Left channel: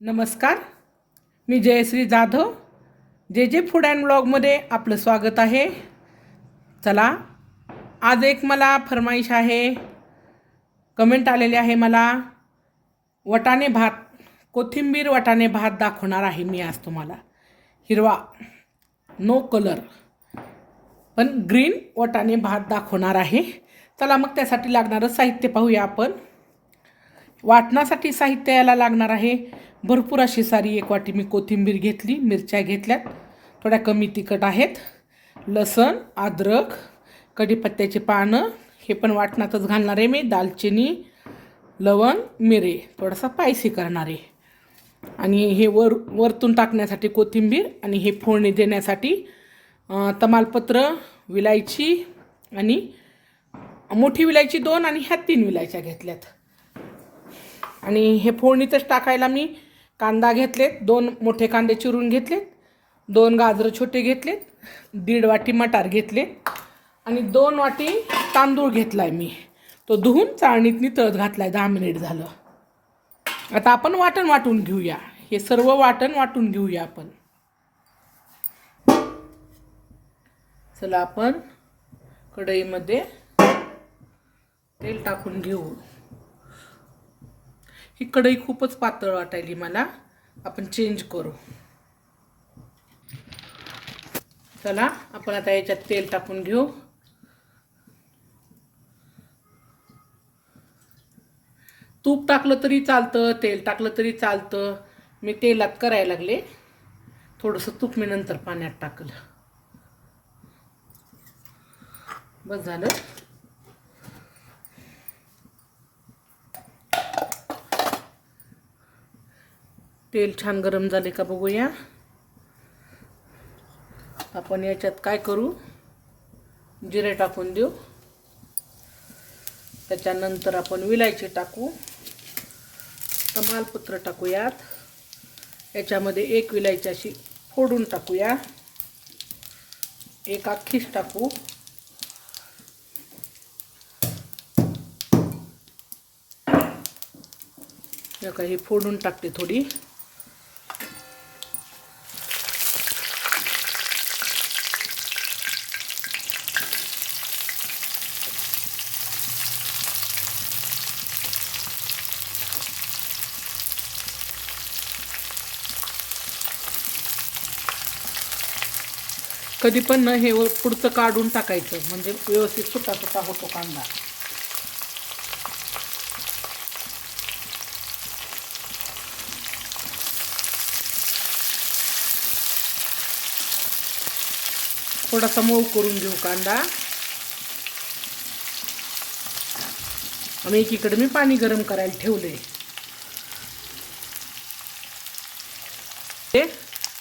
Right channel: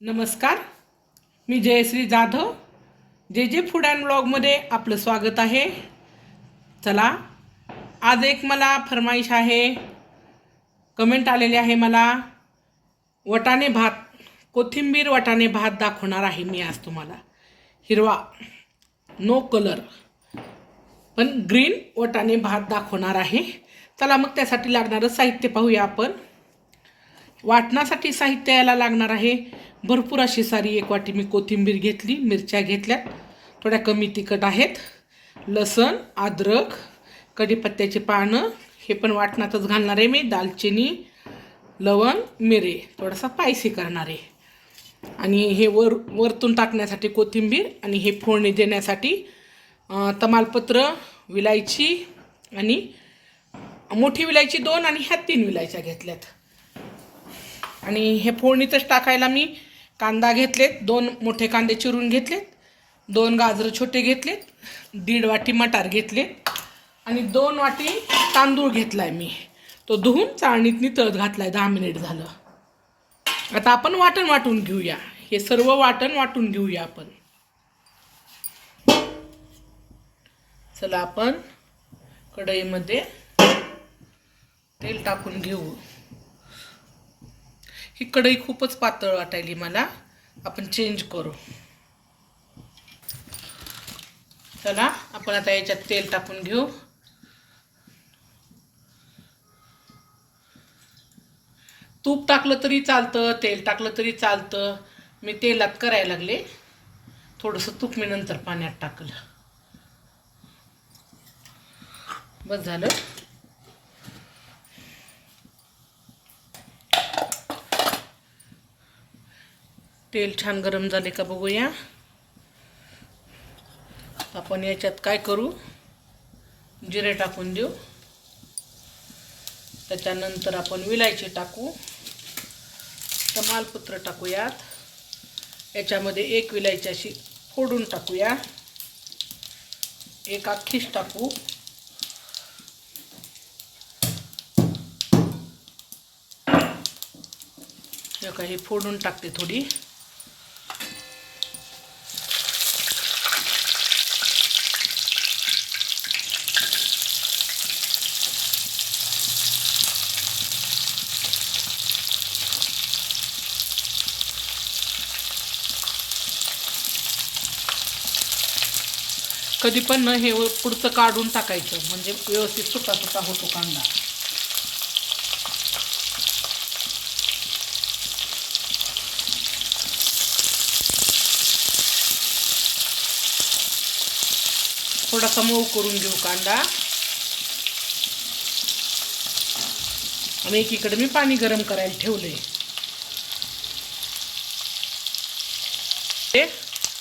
नमस्कार. मी जयश्री जाधव. जे जे फूड अँड ब्लॉगमध्ये आपलं स्वागत आहे. चला, आज एक मला फरमाईश आहे, कमेंट आलेली आहे मला. वाटाणे भात, कोथिंबीर वाटाणे भात दाखवणार आहे मी आज तुम्हाला. हिरवा, नो कलर, पण ग्रीन वाटाणे भात दाखवणार आहे. चला मग त्यासाठी लागणारं साहित्य पाहूया आपण. वाटणासाठी साहित्य याला लागणार आहे भरपूर अशी सारी. 1 वाटी मी कोथिंबीर घेतली, मिरच्या घेतल्यात, थोड्या कमी तिखट आहेत, लसण, अद्रक, कढीपत्त्याची पानं, हे पण वाटणातच घालणार आहे मी, दालचिनी, लवंग, मिरे, थोडासा स्पायसी करणार आहे. आणि हे वरतून टाकण्यासाठी कोथिंबीर, आणि हे फोडणी देण्यासाठी तमालपत्र, विलायची, आणि मोठी विलायची 2 आणि ह्या 3 विलायच्या घेतल्यात. आणि हे फोडणीतच टाकायला मी कांदा घेतलेत, 2 मोठे कांदे चिरून घेतलेत, 2 गाजर छोटे घेतलेत, 1.5 वाटी मटार घेतले, आणि 2 वाटी तांदूळ घेतलाय मी. तो धुवून चाळणीत नितळत घातलाय. 10 मिनिट झालं. आता आपण वाटण वाटून घेऊया. हे सर्व वाटण वाटून घेऊया आपण. चला, आपण कढईमध्ये तेल टाकून घेऊ. ही कढई खूपच पातळ वाटायली मला, आपण चेंज करू. चला, आपण आता याच्यात तेल टाकून घेऊ. तूप टाकलं तरी चालतं, तेल टाकलं तरी चालतं. मी तेलात करायला लागले. थोडंसं तूप मी नंतर पाण्यात टाकलं. बस झालं. तेल छान गरम झाले का बघूया. आपण याच्यात काय करू, जिरे टाकून देऊ. त्याच्यानंतर आपण विलायची टाकू, तमालपत्र टाकूयात. याच्यामध्ये 1 विलायची अशी फोडून टाकूया, 1 अख्खीच टाकू. या काही फोडून टाकते थोडी. कधी पण न हे पुढचं काढून टाकायचं, म्हणजे व्यवस्थित सुटा सुटा होतो कांदा. थोडासा मऊ करून घेऊ कांदा. आणि एकीकडे मी पाणी गरम करायला ठेवलंय. ते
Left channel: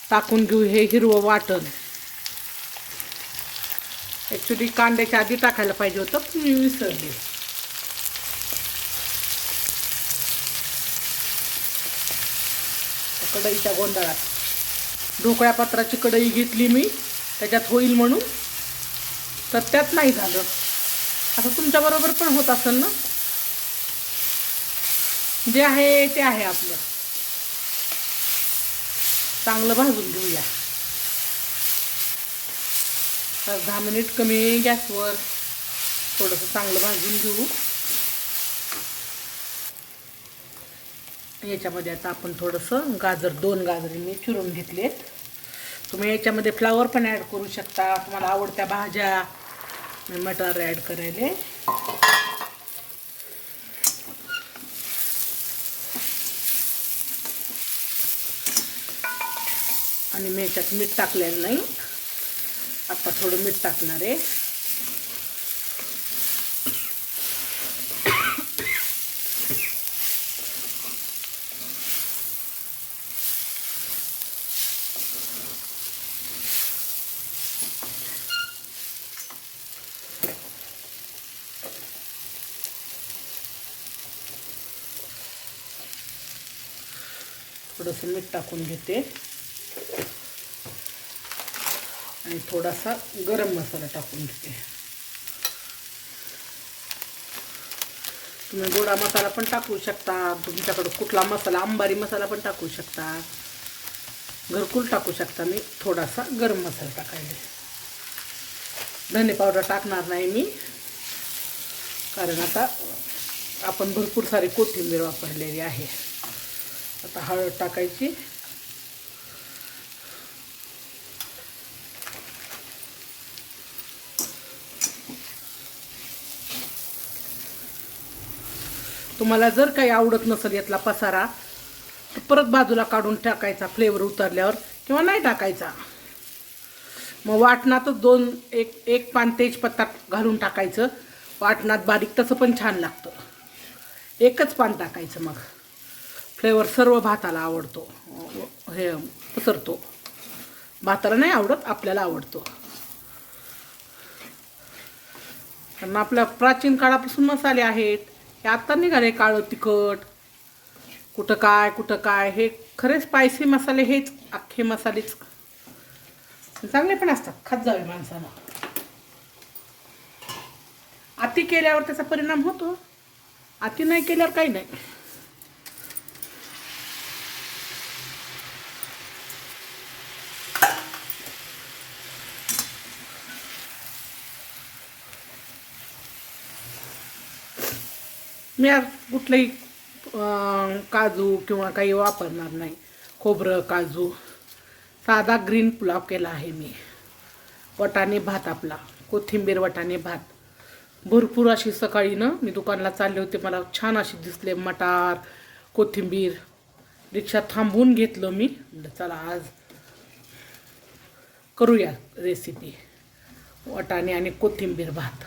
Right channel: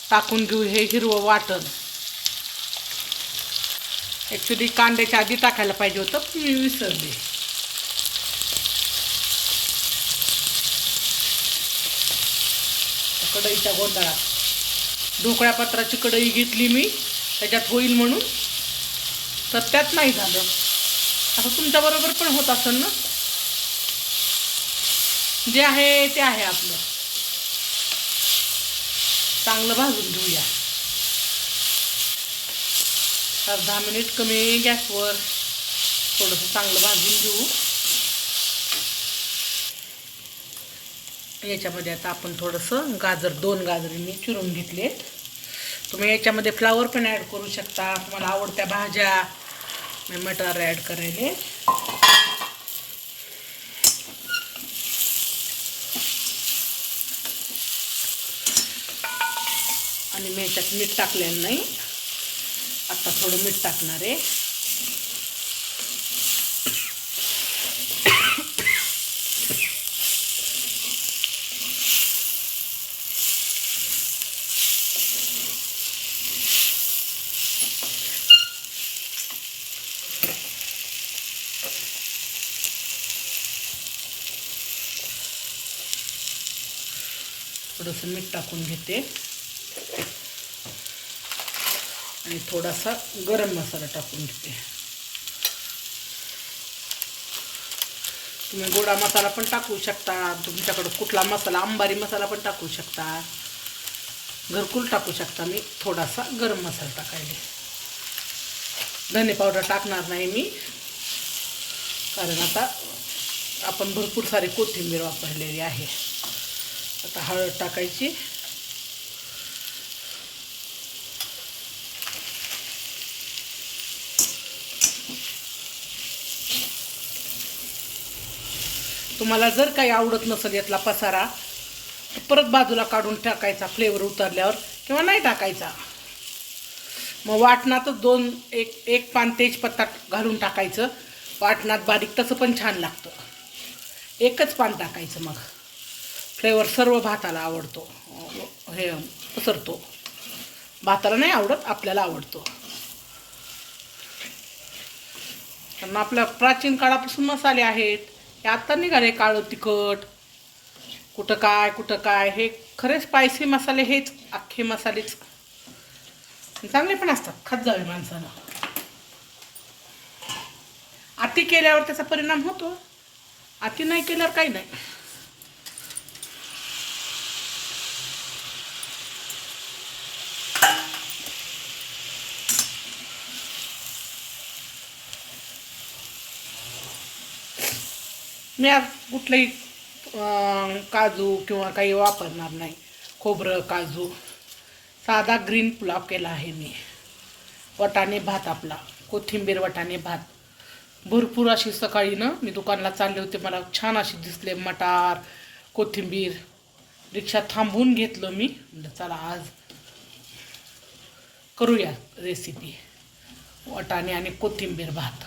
टाकून घेऊ हे हिरवं वाटण. ॲक्च्युली कांद्याच्या आधी टाकायला पाहिजे होतं, मी विसरले. कढईच्या गोंधळात ढोकळ्या पात्राची कढई घेतली मी, त्याच्यात होईल म्हणून, तर त्यात नाही झालं. असं तुमच्याबरोबर पण होत असेल ना. जे आहे ते आहे आपलं. चांगलं भाजून घेऊया. 10 मिनिट कमी गॅसवर थोडंसं चांगलं भाजून घेऊ. याच्यामध्ये आता आपण थोडंसं गाजर, 2 गाजर मी चिरून घेतले. तुम्ही याच्यामध्ये फ्लावर पण ॲड करू शकता, तुम्हाला आवडत्या भाज्या. मी मटार ॲड करायले. आणि मी याच्यात मीठ टाकलेलं नाही, आता थोडं मीठ टाकणार आहे. थोडंसं मीठ टाकून घेते, आणि थोडासा गरम मसाला टाकून घेते. तुम्ही गोडा मसाला पण टाकू शकता, तुमच्याकडं कुठला मसाला, अंबारी मसाला पण टाकू शकता, घरकुल टाकू शकता. मी थोडासा गरम मसाला टाकायला, धने पावडर टाकणार नाही मी, कारण आता आपण भरपूर सारी कोथिंबीर वापरलेली आहे. आता हळद टाकायची. तुम्हाला जर काही आवडत नसेल यातला पसारा, तर परत बाजूला काढून टाकायचा फ्लेवर उतरल्यावर, किंवा नाही टाकायचा. मग वाटणातच एक पान तेजपत्ता घालून टाकायचं वाटणात बारीक, तसं पण छान लागतं. एकच पान टाकायचं, मग फ्लेवर सर्व भाताला आवडतो, हे पसरतो. भाताला नाही आवडत, आपल्याला आवडतो. कारण आपल्या प्राचीन काळापासून मसाले आहेत. हे आत्ता निघाले काळं तिखट, कुठं काय. हे खरे स्पायसी मसाले हेच, अख्खे मसालेच चांगले पण असतात, खात जावे माणसानं. अति केल्यावर त्याचा परिणाम होतो, अति नाही केल्यावर काही नाही. मी आज कुठलंही काजू किंवा काही वापरणार नाही, खोबरं काजू. साधा ग्रीन पुलाव केला आहे मी. वाटाणे भात आपला, कोथिंबीर वाटाणे भात. भरपूर अशी सकाळी ना मी दुकानला चालले होते, मला छान अशी दिसले मटार कोथिंबीर. रिक्षा थांबवून घेतलं मी, चला आज करूया रेसिपी वाटाणे आणि कोथिंबीर भात.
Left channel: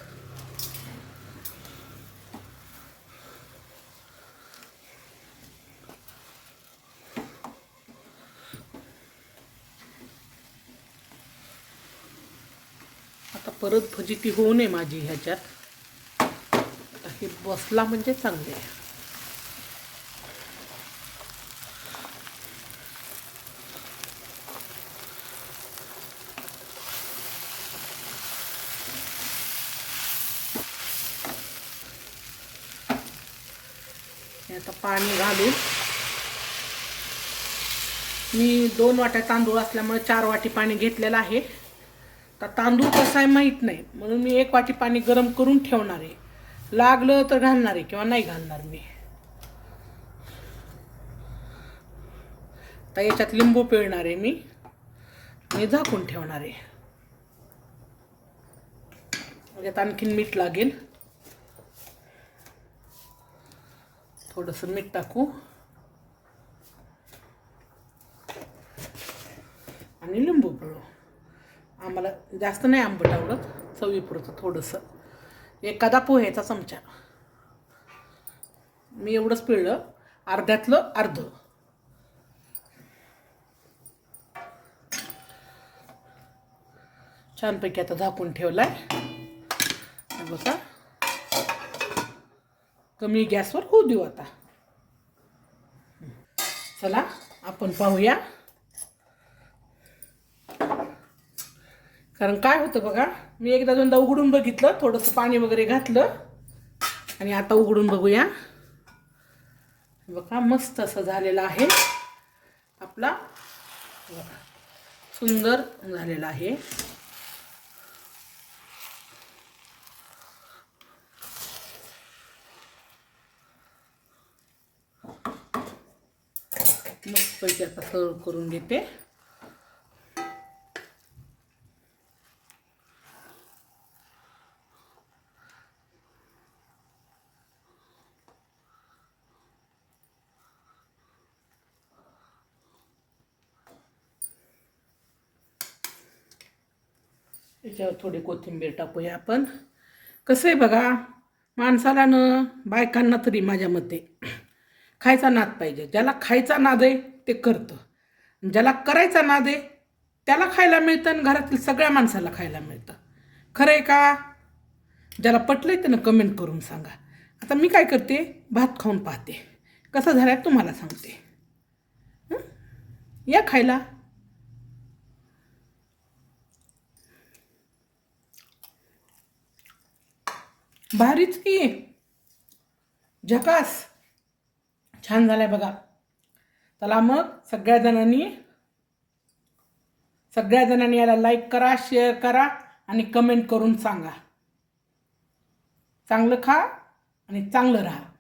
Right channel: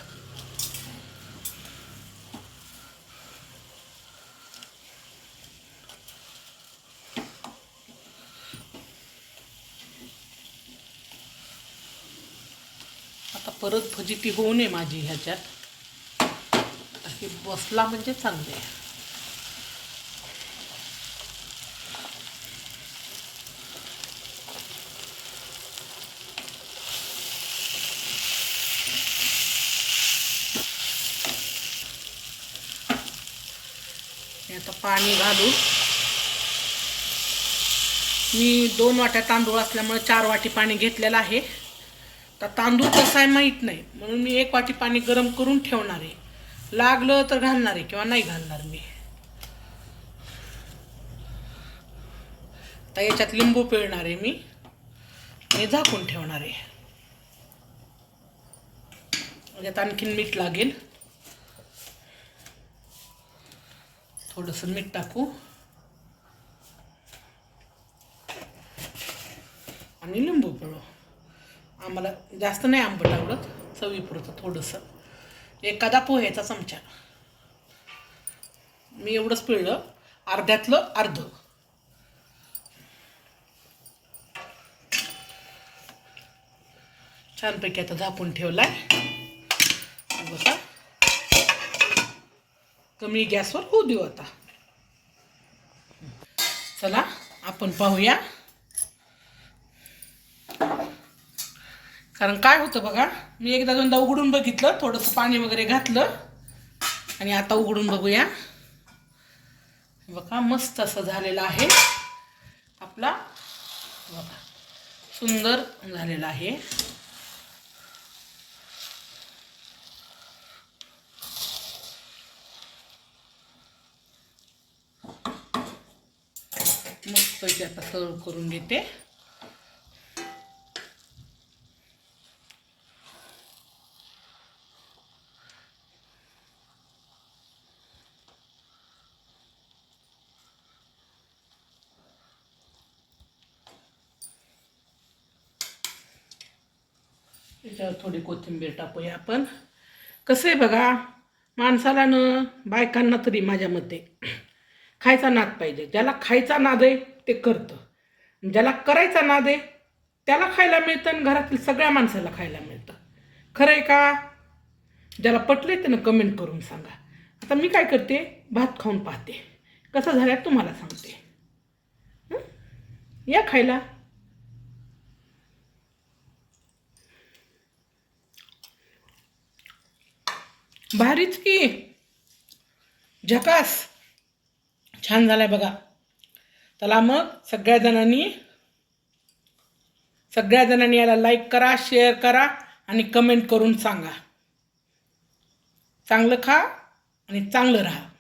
आता परत फजिती होऊ नये माझी ह्याच्यात, हे बसला म्हणजे चांगले आहे. आता पाणी घालून, मी 2 वाट्या तांदूळ असल्यामुळे 4 वाटी पाणी घेतलेलं आहे. तर तांदूळ कसा आहे माहीत नाही, म्हणून मी 1 वाटी पाणी गरम करून ठेवणार आहे. लागलं तर घालणार आहे किंवा नाही घालणार मी. तर याच्यात लिंबू पिळणार आहे मी, हे झाकून ठेवणार आहे. यात आणखीन मीठ लागेल, थोडंसं मीठ टाकू आणि लिंबू पिळू. आम्हाला जास्त नाही आंबट आवडत, चवीपुरतं थोडंसं, एखादा पोह्याचा चमचा. मी एवढंच पिळलं, अर्ध्यातलं अर्ध. छानपैकी आता झाकून ठेवलाय. बघा, कमी गॅसवर होऊ देऊ आता. चला आपण पाहूया. कारण काय होतं बघा, मी एकदा दोनदा उघडून बघितलं, थोडंसं पाणी वगैरे घातलं, आणि आता उघडून बघूया. बघा, मस्त असं झालेलं आहे आपला, सुंदर झालेला आहे. मस्त आता सर्व करून घेते. त्याच्यावर थोडी कोथिंबीर टाकूया आपण. कसं आहे बघा, माणसाला न बायकांना तरी माझ्या मते खायचा नाद पाहिजे. ज्याला खायचा नाद आहे ते करतं, ज्याला करायचा नाद आहे त्याला खायला मिळतं, आणि घरातील सगळ्या माणसाला खायला मिळतं. खरं आहे का? ज्याला पटलं त्यानं कमेंट करून सांगा. आता मी काय करते, भात खाऊन पाहते कसं झालं तुम्हाला सांगते. या खायला. भारीच की, झकास छान झालाय बघा. चला मग सगळ्या जणांनी याला लाईक करा, शेअर करा आणि कमेंट करून सांगा. चांगलं खा आणि चांगलं राहा.